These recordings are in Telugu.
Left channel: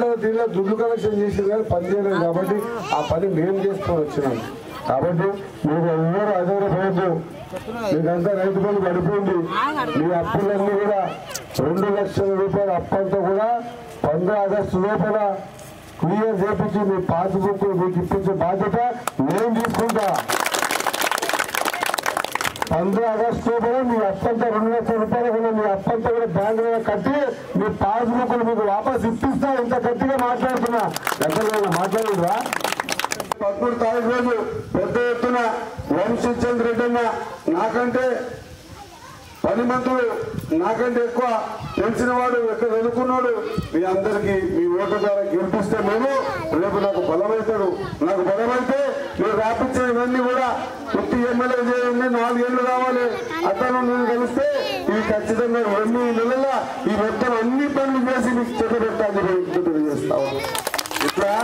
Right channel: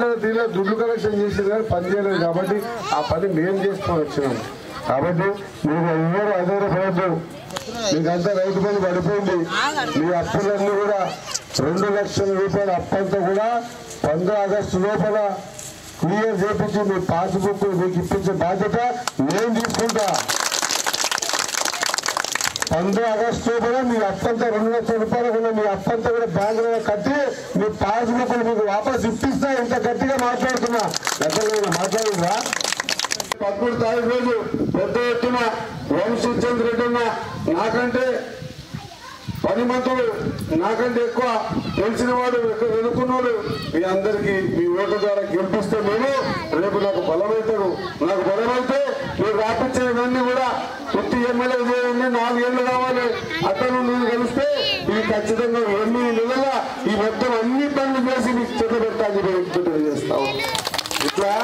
దాంట్లో దీనిలో దుడ్లు కలెక్షన్ చేసింది కానీ పని చేయలేదు కాబట్టి ఆ పని మేము చేసుకొని వచ్చినాం. కాబట్టి మీరు ఎవరు అధైర్యపడద్దు. మీకంతా రైతు బంధు పడిపోయింది. మీ అప్పులన్నీ కూడా 2 లక్షల రూపాయల అప్పంతా కూడా 15 ఆగస్టు లోపల క్లియర్ చేపించి మీ పాస్బుక్ మీకు ఇప్పించే బాధ్యత నేను తీసుకుంటా. 15 ఆగస్టు లోపల మీ అప్పంతా 2 లక్షల రూపాయలు కూడా మీ అప్పంతా కూడా బ్యాంకులో కట్టి మీ పాస్బుక్ మీకు వాపస్ ఇప్పిస్తా. ఇంత గట్టిగా మాట్లాడుతున్నా. గతంలో మాట్లాడుతున్నా. 13 తారీఖు రోజు పెద్ద ఎత్తున వంశీచంద్ర రెడ్డి అన్న నాకంటే 10 మంత్రులు నాకంటే ఎక్కువ తెలిసిన వాడు ఎక్కడ ఎదుర్కొన్నాడు. మీ అందరికీ మీ ఓటు ద్వారా గెలిపిస్తే మేము రేపు నాకు బలమవుతాడు. నాకు బలమైతే మీరు రాపించిన ఇవన్నీ కూడా ప్రతి ఎమ్మెల్యే చేయండి. 4 ఏళ్ళు కావాలి. అతను నేను కలిస్తే ఇవి ఖచ్చితంగా 8 నెలల ఈ మొత్తం అన్ని పనులు చేసి మీకు చెడ్డబెట్టాలని తెలియజేస్తాం. ఇట్లా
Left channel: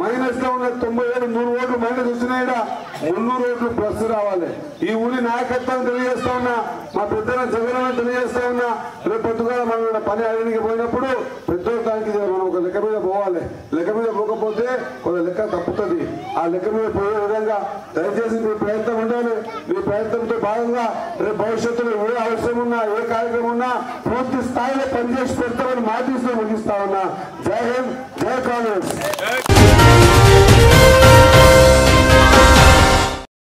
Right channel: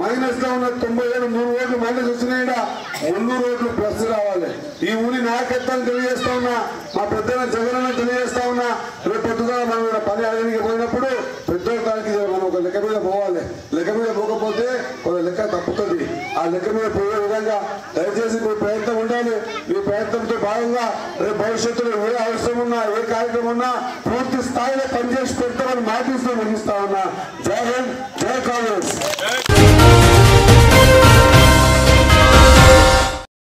మైనస్ లో ఉన్న 97 3 ఓట్లు మైనస్ వచ్చినాయిడా 300 ఓట్లు ప్లస్ రావాలి. ఈ ఊరి నాయకత్వాన్ని తెలియజేస్తా ఉన్నా. మా పెద్దల జగన్ తెలియజేస్తా ఉన్నా. రేపు పొద్దుగా మనం పని అడిగి పోయినప్పుడు పెద్దోళ్ళకి మనం ఒక లెక్క మీద పోవాలి. లెక్క మీద పోకపోతే ఒక లెక్క తప్పుతుంది. ఆ లెక్క మీద పోయే విధంగా దయచేసి మీ ప్రయత్నం ఉండాలి. మీ ప్రయత్నంతో భాగంగా రేపు భవిష్యత్తులో ఏ అవసరం ఉన్నా ఏ కార్యక్రమం ఉన్నా పూర్తి స్థాయిలో పనిచేసి పెడతామని మాటిస్తూ ముగిస్తా ఉన్నా. జై హింద్.